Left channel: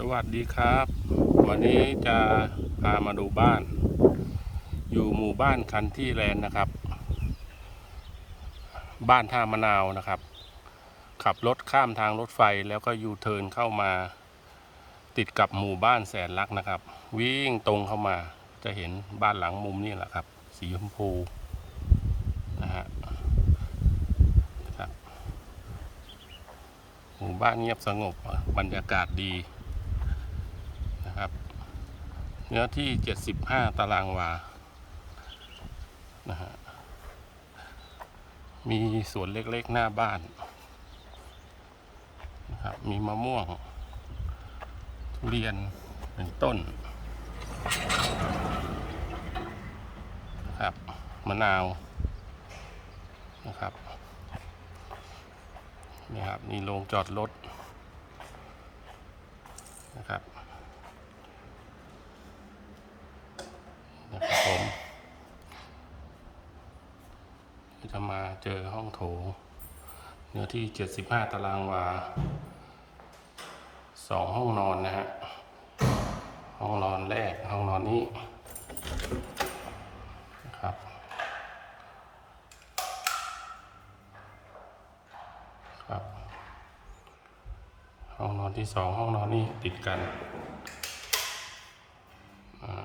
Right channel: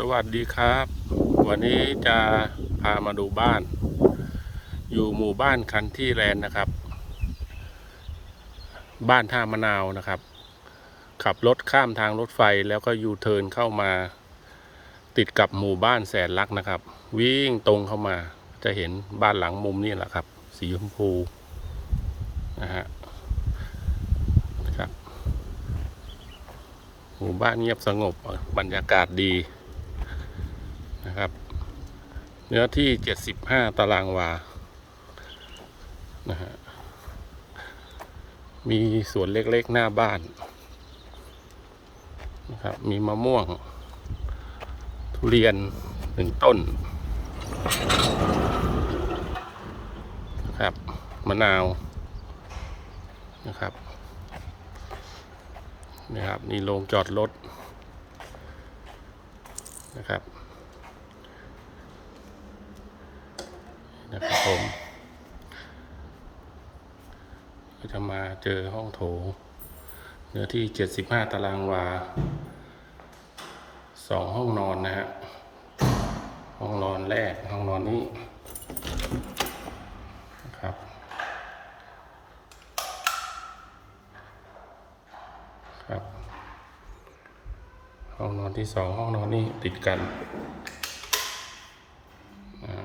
สวัสดีครับ วันนี้จะพามาดูบ้าน อยู่หมู่บ้านคันที่แลนนะครับ บ้านท่ามะนาวนะครับ ขับรถข้ามทางรถไฟแล้วก็ยูเทิร์นเข้ามา ติดกับหมู่บ้านแสนรักนะครับ วิ่งตรงเข้ามาจะเห็นบ้านหลังมุมนี่แหละครับ สีชมพูนะฮะครับหมู่บ้านเงียบสงบบรรยากาศดี นะครับ เนื้อที่ 75 ตารางวา นะฮะ มีสวนเล็กๆหน้าบ้านนะครับ มีมะม่วง ทุเรียนหนึ่งต้นนะครับ มะนาวนะครับนะครับนี่โรงจอดรถนะครับ นะครับผม ก็จะมาเจอห้องโถงเนื้อที่ 75 ตารางวาสองห้องนอนนะฮะ ห้องนอนแรก ห้องนอนนี้นะครับ ครับ ห้องนอนที่สองห้องนอนนี้ติดกันอ่า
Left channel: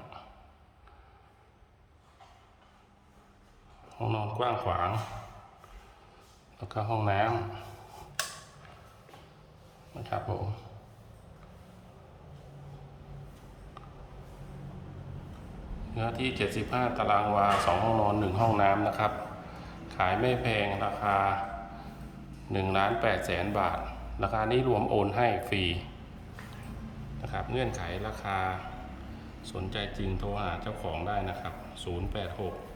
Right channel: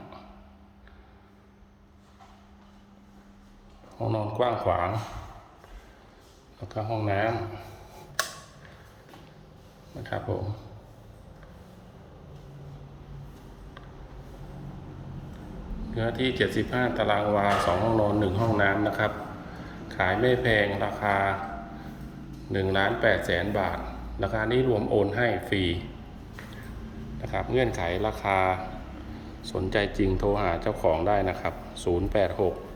ห้องนอนกว้างขวาง แล้วก็ห้องน้ำนะครับผมเนื้อที่ 75 ตารางวา 2 ห้องนอน 1 ห้องน้ำนะครับ ขายไม่แพงราคา1ล้าน8แสนบาท ราคานี้รวมโอนให้ฟรีนะครับ เงื่อนไขราคาสนใจจริงโทรหาเจ้าของได้นะครับ 086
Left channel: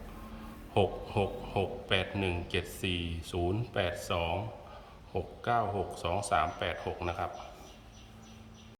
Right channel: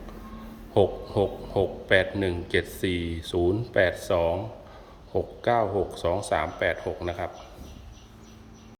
666 8174 082 696 2386 นะครับ